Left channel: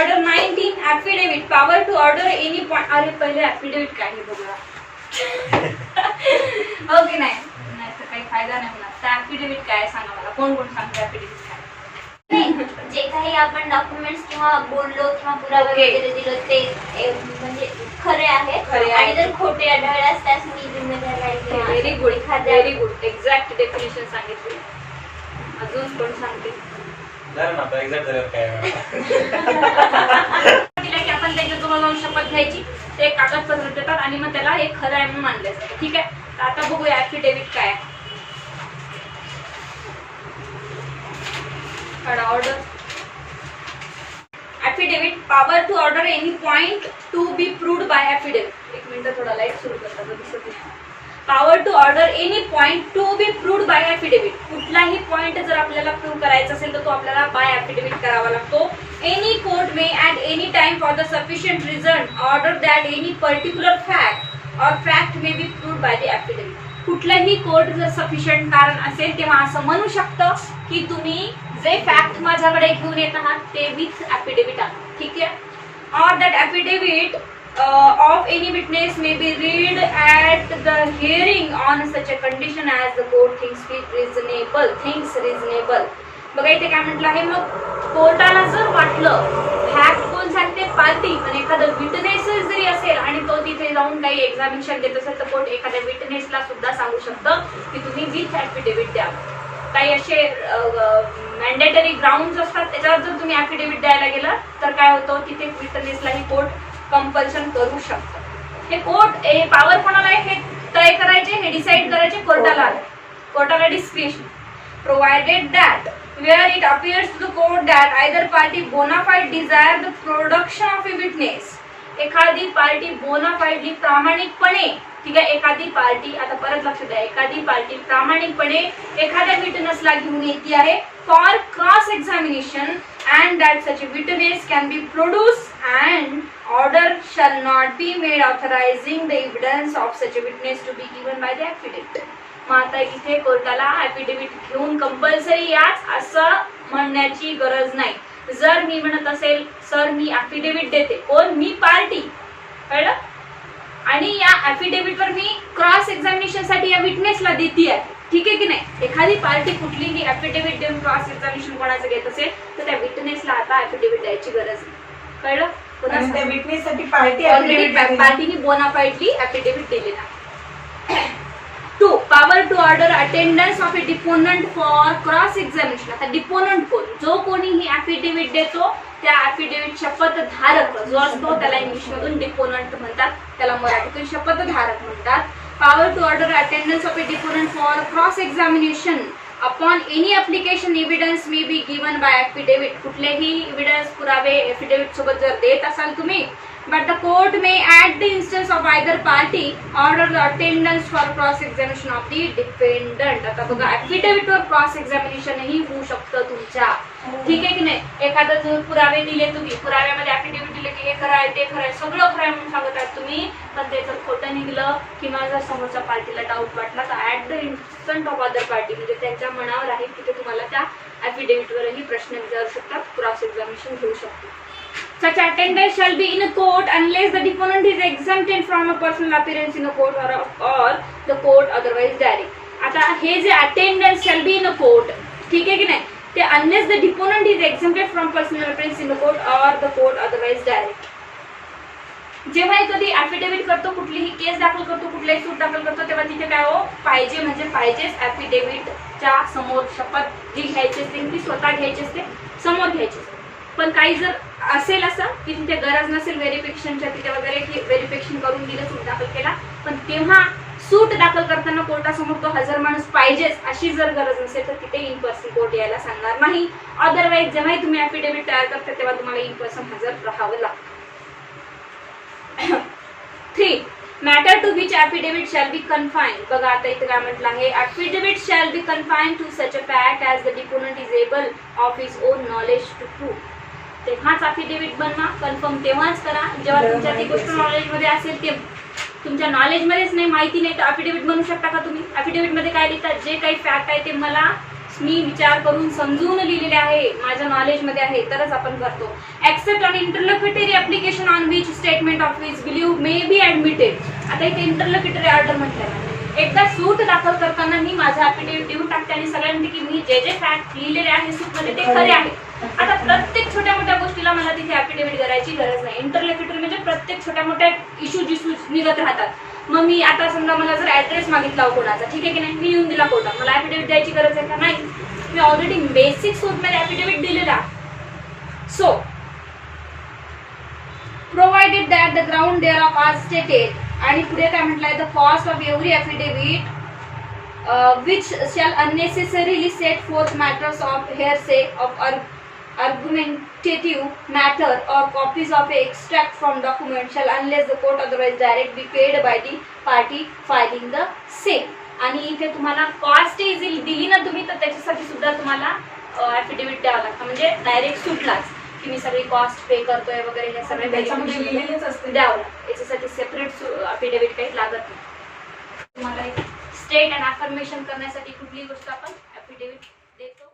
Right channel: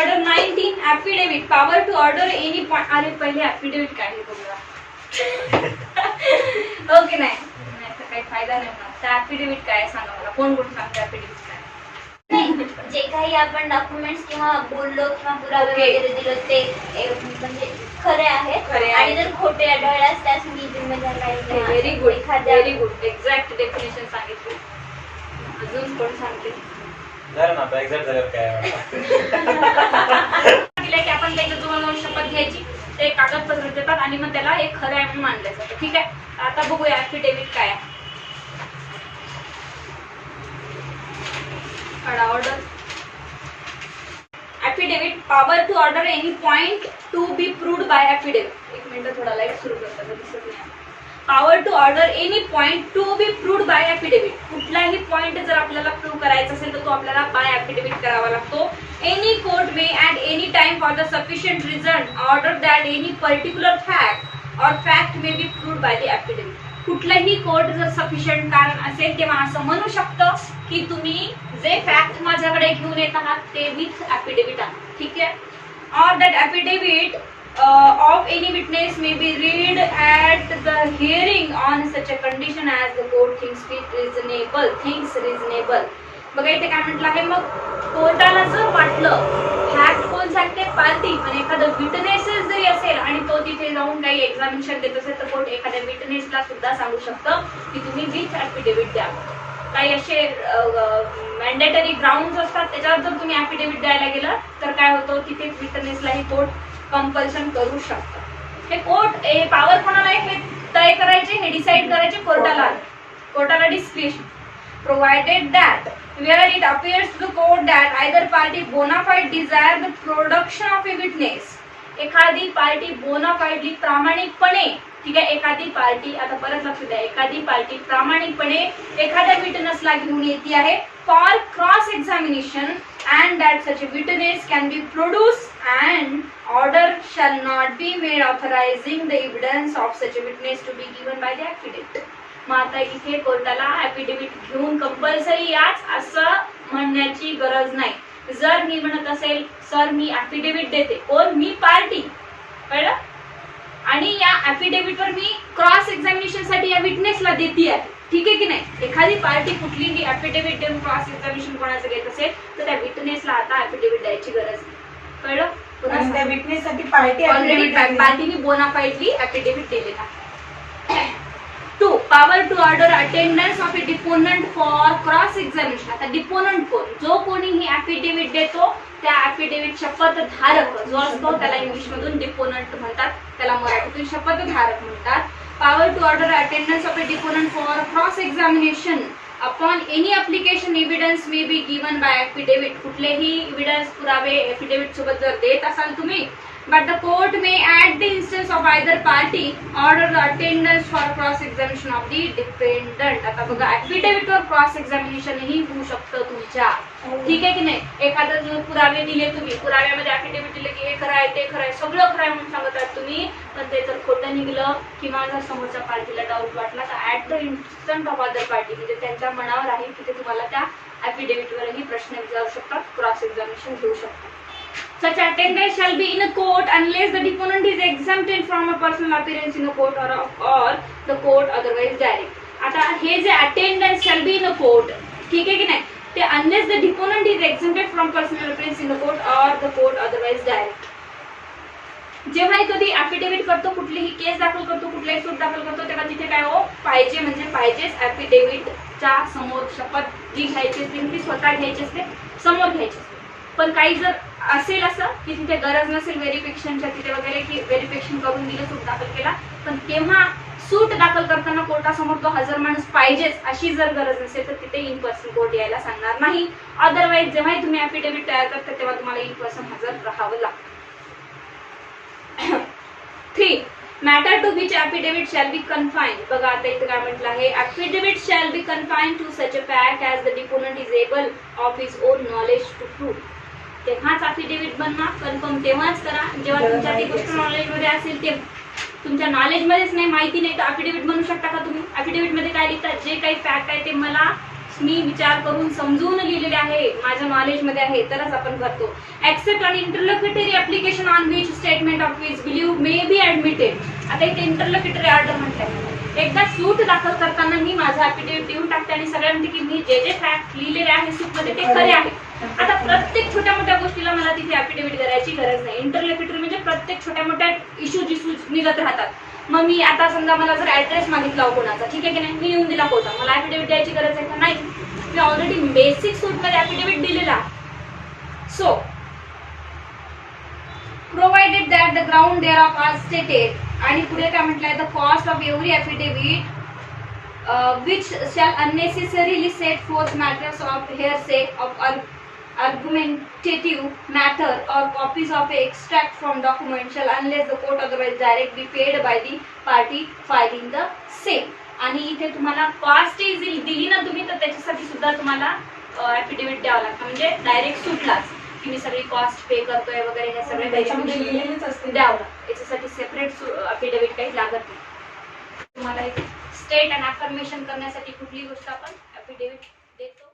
Order 19 affidavit power to order any point. अरे पहिले affidavit काय आहे बघूया. ओके नाही तर काही फायदा नाही मला. त्या ऍफिडेव्हिट काय सांगा मला. कोण कोण सांगते ऍफिडेव्हिट काय. जे काही आपण डॉक्युमेंट्स किंवा बोललो किंवा पुरावे Okay. वगैरे दिलो ते म्हणजे खरे आहेत खरे आणि आहेत. जर खोटे आढळल्यास त्यास मी जिम्मेदार नाही. Very good very good exact definition सांगितली. अजून कोण सांगते. झालं ना आता एक्झॅक्ट झालं काय दिलं की आपण त्याच्यात तुम्हाला जाऊन शपथ घ्यायची. ते एक कागदपत्र देतात आणि मग त्याला हे खरं आहे म्हणून मानलं जातं. ठीक आहे. तर आता बघूया ऍफिडेव्हिट काय आहे. Order affidavit power to order any point to be proved by affidavit. एक मिनिट थोडा लाईट सुरू करता दिसत नाही. Power to order any point to be proved by affidavit. कुठलाही पॉइंट जर आपल्याला प्रूव्ह करायचा असेल तर तो आपल्याला बाय ऍफिडेव्हिट करावा लागतो. Any court may at any time for the sufficient reason order that any particular fact or fact may be proved by the affidavit. कुठलंही कोर्ट जर सफिशियंट कारण असेल तेव्हा असं म्हणू शकतं की तुम्ही जे फॅक्ट माझ्याकडे घेऊन येत आहात ते विथ ऍफिडेव्हिट आणा. ठीक आहे. और that affidavit of any witness may be read at the hearing on such a condition as the court thinks reasonable. बघा इथे काय म्हटलं आहे. मग कोर्टाला जर वाटलं फॅक्ट कोण सांगते पार्टी पण एखादं विटनेसेस जरी असेल आणि तो तिथे जाऊन काही एक्झामिनेशन देत असेल तर कोर्ट एखाद्या विटनेसला सुद्धा सांगू शकतं की तुम्ही विथ ऍफिडेव्हिट द्या. काही असे मॅन्डेटरी ग्राउंड असतात त्याच्यावर जर तुम्ही ऍफिडेव्हिट द्यायला गेलं तर काय होतं तिथे विटनेसलाही कोर्ट कंपल्शन करू शकतं. हे कोर्ट पॉवर कोणाला आहे हे तय करायचे हे डिसाइड करायचे कोर्टाला discretion. Provided that where it appears to the court that either party bona fide desire the production of a witness. एखादी पार्टी बोनाफाइडली प्रामाणिकपणे ठीक आहे. एखादी पार्टी आता परत लक्ष द्या. एखादी पार्टी प्रामाणिकपणे एखाद्या विटनेसला घेऊन येते आहे for cross examination and that such witness can be produce and order shall not be made authorising the evidence of such witness to be given by the affidavit. मग आता इथे कोर्टाला ऍफिडेव्हिट घेऊन कंपल्सरी याच असं म्हणण्याची गरज नाही. जर मी म्हणत असेल सर मी ऍफिडेव्हिट देते कोण मी पार्टी कळलं आणि या ऍफिडेव्हिटवर मी क्रॉस एक्झामिनेशन साठी या विटनेसला देते आहे. ठीक आहे की नाही. एखादी पार्टी कुठलीही ऍफिडेव्हिट देऊन क्रॉस एक्झामिनेशन कोणाचं घेत असेल तर त्या विटनेसला आता ऍफिडेव्हिट द्यायची गरज नाही. कळलं. त्या विटनेससाठी पार्टी ऑलरेडी पार्टीने बोनाफाइडली ऍफिडेव्हिट दिलेला. 2. Power to order attendance of a deponent for cross examination. आता डिपोनंट कोण जो कोणीही ऍफिडेव्हिट देतो त्या ऍफिडेव्हिट शपथधारक जो असतो त्याला इंग्लिश मधून डिपोनंट म्हणतात. त्याला मराठीतून शपथधारक म्हणतात. Power to order attendance of a deponent for cross examination upon any application evidence may be given by affidavit. कुठलेही एव्हिडन्स पुरावे ऍफिडेव्हिट सोबत जर देत असाल तुम्ही but the court may at the instance of either party order the attendance for cross examination of the defendant. आता बघा affidavit वर क्रॉस एक्झामिनेशन ही होऊ शकतं तुमच्या. ठीक आहे की नाही. एखादा जो पुरावे दिले तुम्ही पुराव्यामध्ये ऍफिडेव्हिट दिले की हे खरं आहे ते खरं आहे सगळं खरं आहे म्हणून सांगत आहात तुम्ही पण ते जर खोटं निघलं किंवा जर समोरच्या पार्टीला डाऊट वाटला तर at the instant of other party म्हणजे त्यांच्या मनावर आहे की ते तुम्हाला त्या ऍफिडेव्हिट वरही प्रश्न विचारू शकतात क्रॉस एक्झामिनेशन घेऊ शकतात. Such attendance shall be in a court unless the deponent is exempted from a personal appearance in a court or the court otherwise direct. आता हे जे attendance shall be in a court ठीक आहे की नाही ते unless the deponent is exempted from personal appearance in the court or the court otherwise direct. जेव्हा कधी ऍफिडेव्हिट करतो कुठलीही केस दाखल करतो कुठलाही सूट दाखल करतो तेव्हा तिथे काय हो पाहिजे म्हणजे पाहिजेच ऍफिडेव्हिटच्या समोर शपथ जी घ्यायची असते ती स्वतः घ्यायची असते समोर घ्यायची असते. पण काही जर असेल असं की तिथे गरज नसेल व्हेरिफिकेशनच्या तिथे वगैरे की व्हेरिफिकेशन करून दिलं सूट दाखल केला पण तेव्हा सूट दाखल करताना कोर्टासमोर तो हजर माणूस पाहिजेच अशी जर गरज नसेल तर तिथे इन पर्सन कोर्ट यायला सांगणार नाही. अदरवाईज जेव्हाही तुम्ही ऍफिडेव्हिट तयार करता तेव्हा तुम्हाला इन पर्सन हजर राहावं लागतं. 3. Matter to which affidavit shall be confined. बघा आता इथे काय म्हटलं आहे affidavit shall be confined to such a fact as the deponent is able of his own knowledge to prove. तेव्हाच ऍफिडेव्हिट बनवा कन्फर्म तेव्हाच करा जेव्हा तुमच्या ती गोष्ट नॉलेजमध्ये असेल ते. तुमच्या नॉलेजमध्येच नाही माहिती नाही तर ऍफिडेव्हिट बनवू शकता का तुम्ही. ऍफिडेव्हिट मध्ये काय लिहितात जे काही फॅक्ट आहे ते मला मी विचार करून समजून लिहिलेले आहे, माझ्या नॉलेजमध्ये आहे, तरच आपण करतो. Accept an interlocutory application on which statement of which believe may be admitted. आता इथे इंटरलोक्युटरी ऑर्डर म्हटलं, एकदा सूट दाखल करताना मी माझा ऍफिडेव्हिट देऊन टाकते आणि सगळ्या म्हणते की मी जे जे फॅक्ट लिहिलेले आहे सूटमध्ये ते खरे आहे. आता प्रत्येक छोट्या मोठ्या गोष्टीला मला तिथे ऍफिडेव्हिट करायची गरज नाही. इंटरलोक्युटरी म्हणजे प्रत्येक छोट्या मोठ्या इश्यूज निघत राहतात. मग मी आता समजा मला जर ऍड्रेस मागितला हो कोणाचा, ठीक आहे की नाही, मी येऊन दिला कोर्टात, मला ऍफिडेव्हिट द्यायची गरज आहे का? नाही, मी ऑलरेडी बेसिक सूटमध्ये ऍफिडेव्हिट दिलेला. So provided that the ground there of as stated, आणि पुढे काय म्हटलंय, the cost of every affidavit which shall unnecessarily set forth matters of hearsay, of argumentative matter, or copies of extract from document shall, unless the court otherwise direct, be paid by the party filing the same. आणि इथे तुम्हाला cost दिली ना तुम्ही, तर त्याच्यासाठी सुद्धा तुम्हाला ऍफिडेव्हिट द्यावं लागतं. म्हणजे डायरेक्ट सुटलाच की मी सगळी कॉस्ट पे करतोय वगैरे, हे सगळं त्याच्यामध्ये लिहिलेलंच असतं. द्यावं लागतं. याच्यासाठी सेपरेट ऍफिडेव्हिट काही लागत नाही. तुम्हाला एक स्टेट अँड अफर्मेशन करण्यासाठी कुठली गोष्ट आपण ऍफिडेव्हिट देतो.